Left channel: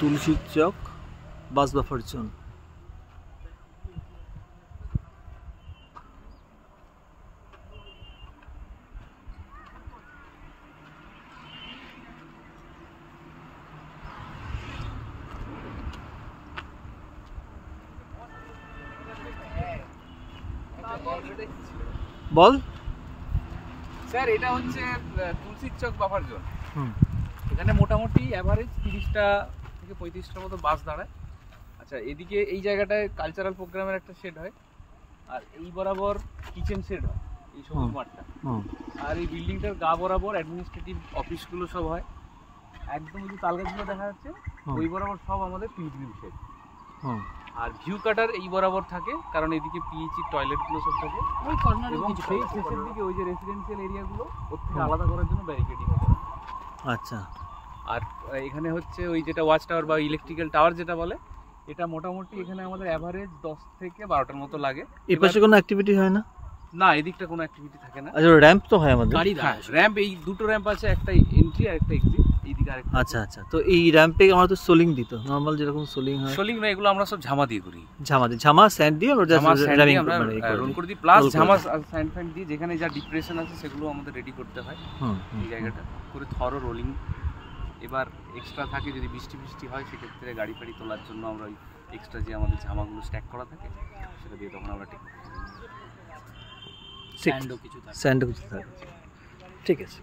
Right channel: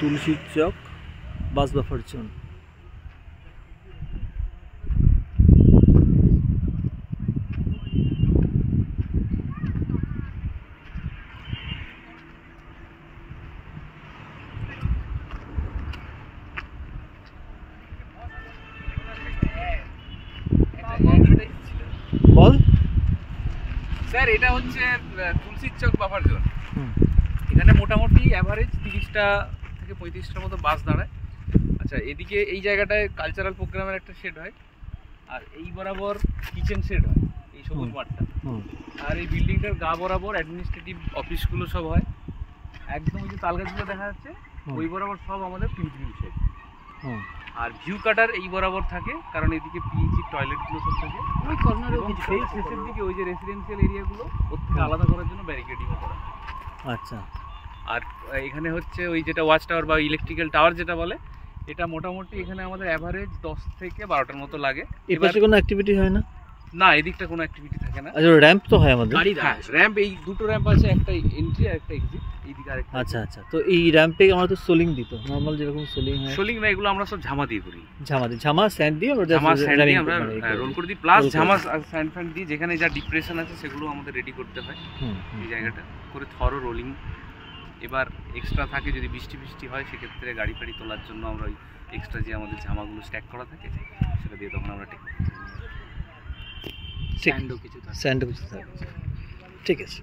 তুলসীর চক বাস buffer zone. বল sir, এটা হচ্ছে তুলসীর চক বাফার জোন। এখানে মোটামুটি অ্যাভারেজ 30টা থেকে 35টার মতো বাস দাঁড়ায়। আচ্ছা, এদিকে এই জায়গাটায় কালচারাল প্রোগ্রামের একটা শেড হয়, আর এই বরাবর কিচেন শেড হয় এই সবুজ মাঠটা, আর এই বিল্ডিংটার গা বরাবর অ্যাডমিনিস্ট্রেটিভ অফিসগুলো সব হয়। একদম যে তালগাছগুলো দেখা যাচ্ছে ওই বরাবর সব আমাদের পিলগ্রিম শেড। আর ভিউ কাটার এই বরাবর থাকে, কারণ এদিকে পিএইচি টয়লেটগুলো সব থাকে ওই কর্নারে, এবং সেই শেষের দিকে ওই যে রেসিডেন্সিয়াল এরিয়াগুলো ওর থেকে আলাদা করার জন্য ব্যারিকেডিংও করা। আচ্ছা, আর এখানে হচ্ছে ওই যেটা ওয়াচ টাওয়ার বা ইলেকট্রিক্যাল টাওয়ার যেটা বলে, এটা মোটামুটি এখানে আমাদের অ্যাভারেজ 10 থেকে 12টার মতো লাগে। এর পাশে কোনো অ্যাক্টিভিটি হয় না? না, এদিকটা কোনো অ্যাক্টিভিটি থাকে না। আচ্ছা, র্যাম্প তো হয় আমাদের। র্যাম্প, এই দুটো র্যাম্প আছে, একটা এন্ট্রি আর একটা এক্সিট, এইদিকে আরেকটা। আচ্ছা আচ্ছা, তো এই র্যাম্পে আমরা তো সোলিং দিত, নরমাল যেরকম সোলিং হয়। সোলিং না, এগুলো আমরা সব ঝামা দিয়ে করি। ঝামা স্যান্ড দিয়ে আমরা জাস্ট র্যাপিং রোল করে দিই, প্লাস ঝামা স্যান্ড ফ্যান্ড দিয়ে যেখানে যা ডিপ্রেশন আছে সেগুলো আমাদের রেডি করতে হয় এই জায়গাটা করে, থরো রোলিং। এবার এক্সট্রা থাকে যদি বৃষ্টি হয়, সেক্ষেত্রে গাড়ি ফাড়ি তোলার জন্য আমরা ওই এক্সট্রা যে আমাদের জামাগুলো স্ট্যাক করা থাকে সেটা দিয়ে তখন আমরা স্যান্ডও কিছু থাকে। ঠিক আছে।